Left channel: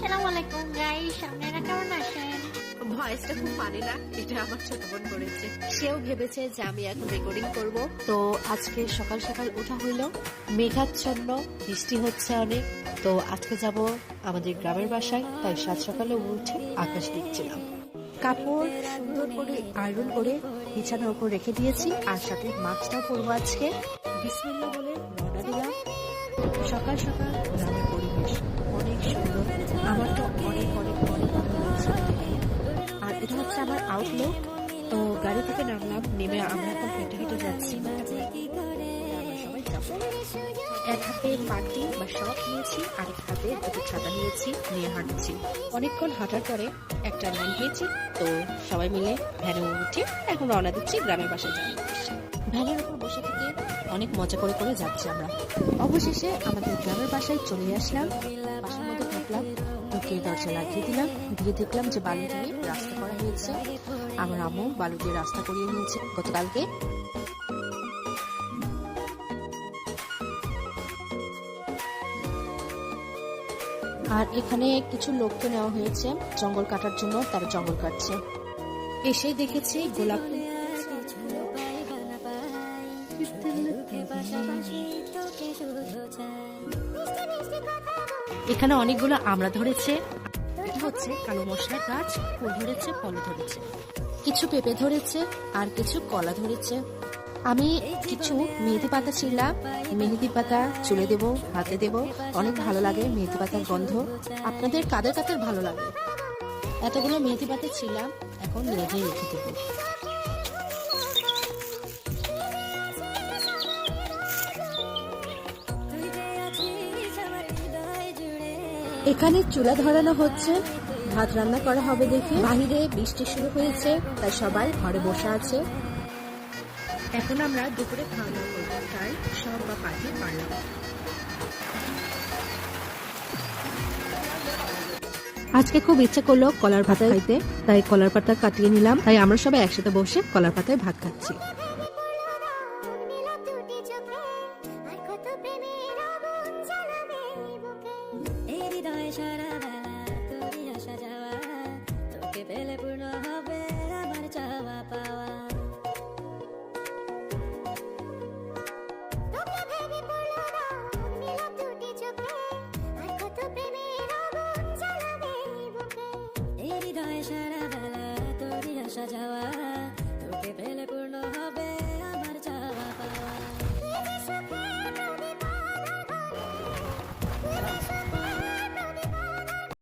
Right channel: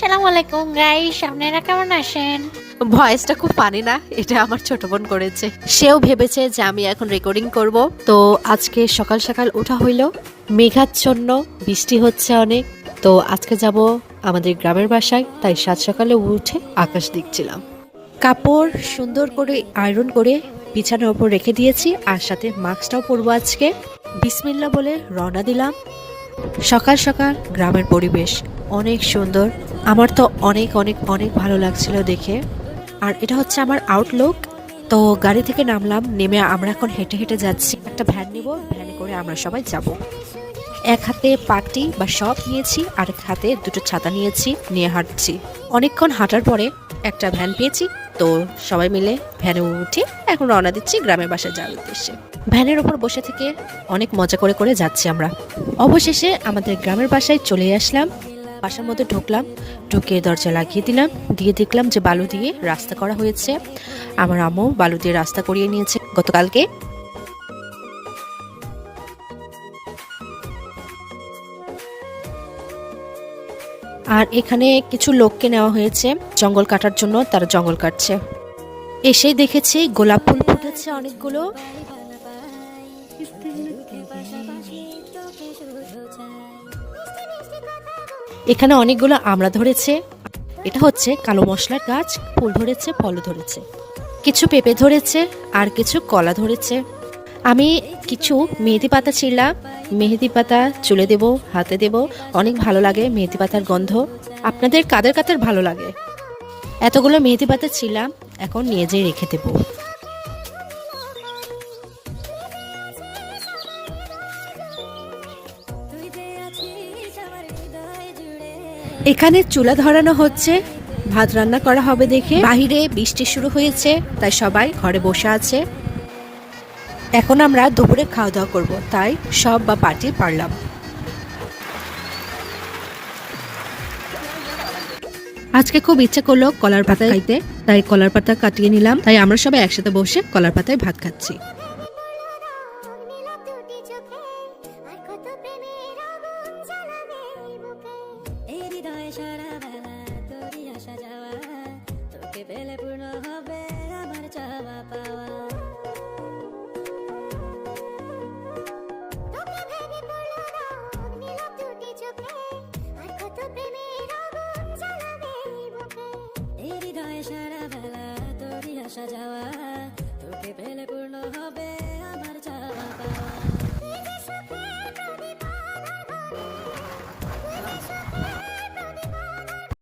সালামু আলাইকুম গাইস, আপনারা কেমন আছেন? ভয়েসটা খুব ফানি না? এটা আমার ছোট বোন করেছে। সেও ভেবেছে যে আমি এখন রেকর্ডিং করব। তো আজকে সকাল সকাল ওঠা হইলো, মেঘাচ্ছন্ন, বৃষ্টি হচ্ছে অনেক। তো আজকে যাব আমাদের গ্রামের বাসায়, তাই সাত সকালে উঠে আকাশ দেখছিলাম। কাপড় সুন্দর করে আয়রন করে বিছানার উপর রেখে দিয়েছি, আর সাথে মাস্কটাও পরবো আজকে। বিসমিল্লাহ বলে রওনা দিলাম। সকাল সকাল গ্রামের পরিবেশ অনেক সুন্দর, আমার তো অনেক অনেক অনেক ভালো লাগছিল দেখে। আর এটা হচ্ছে আমার আউটলুক। তো গাড়ি থেকে নামলাম, নেমে আমরা এখন হেঁটে হেঁটে যাচ্ছি। একটা ভ্যান নিব, ভ্যানে করে আমরা সবাই যাব। এক হাতে পাটি বা শপ নিয়েছি, আর এক হাতে দুটো ছাতা নিয়েছি, নিয়ে হাঁটছি। অনেকক্ষণ হাঁটার পরে একটা ভ্যান পেয়েছি, তো সবাই মিলে ভ্যানে উঠে এখন রওনা দিচ্ছি গ্রামের বাসায় যাওয়ার উদ্দেশ্যে। ভ্যানের ওপর বসে থেকে অনেক মজা করে করে যাচ্ছি আমরা। অবশেষে আমাদের গ্রামের বাসায় চলে আসলাম। বাসার মধ্যে ঢুকলাম, ঢুকে দরজা লাগিয়ে দিলাম, দিয়ে দেখলাম যে বালু দিয়ে রাস্তা করা হয়েছে। আমার আম্মু বালু দিয়ে রাস্তা করিয়ে নিয়েছে গতকালকে। আর এখানে কিছু লোককে নেওয়া হয়েছে জঙ্গল কাটার জন্য, তারা জঙ্গল কাটছে। এসে দেখেছি গোলাপ ফুল ফুটেছে অনেকগুলো। এখানে অনেকগুলো আমড়া ধরেছে। এটা হচ্ছে কালো মশলার গাছ, ফুল ধরেছে, ফলও ধরেছে। কিছু পেঁপে ধরেছে, আর কিছু কলা ধরেছে। আমি কিছু মেহেদি পাতা ছিঁড়লাম, মেহেদি পাতা চুলে দেব, হাতে দেব, অনেক ভালো লাগে মেহেদি পাতার গন্ধ। আপনাদের কাদের কাদের ভালো লাগে? এতগুলো মেহেদি পাতা ছিঁড়লাম, এখন নিয়ে যেয়ে রেখে দেব। এখানে চুলা ধরানো হচ্ছে, ভাত রান্না করা হবে দেখে। বাহিরে বৃষ্টি শুরু হয়েছে, তাই সবাই ঘরে বসে আছে। এখন আমরা দুপুরে খাওয়া দাওয়া করবো, তাই সব বা পার্টি পারলাম। আজকে খুব ইচ্ছে করলো কলার পাতা খাইতে, তাই কলার পাতা কাটিয়ে নিলাম। তাই আমরা সবাই একসাথে বসে কলার পাতায় ভাত খাচ্ছি। সারা বেলা তোরই আসা যাওয়া, তোকে পেলে পূর্ণ হবে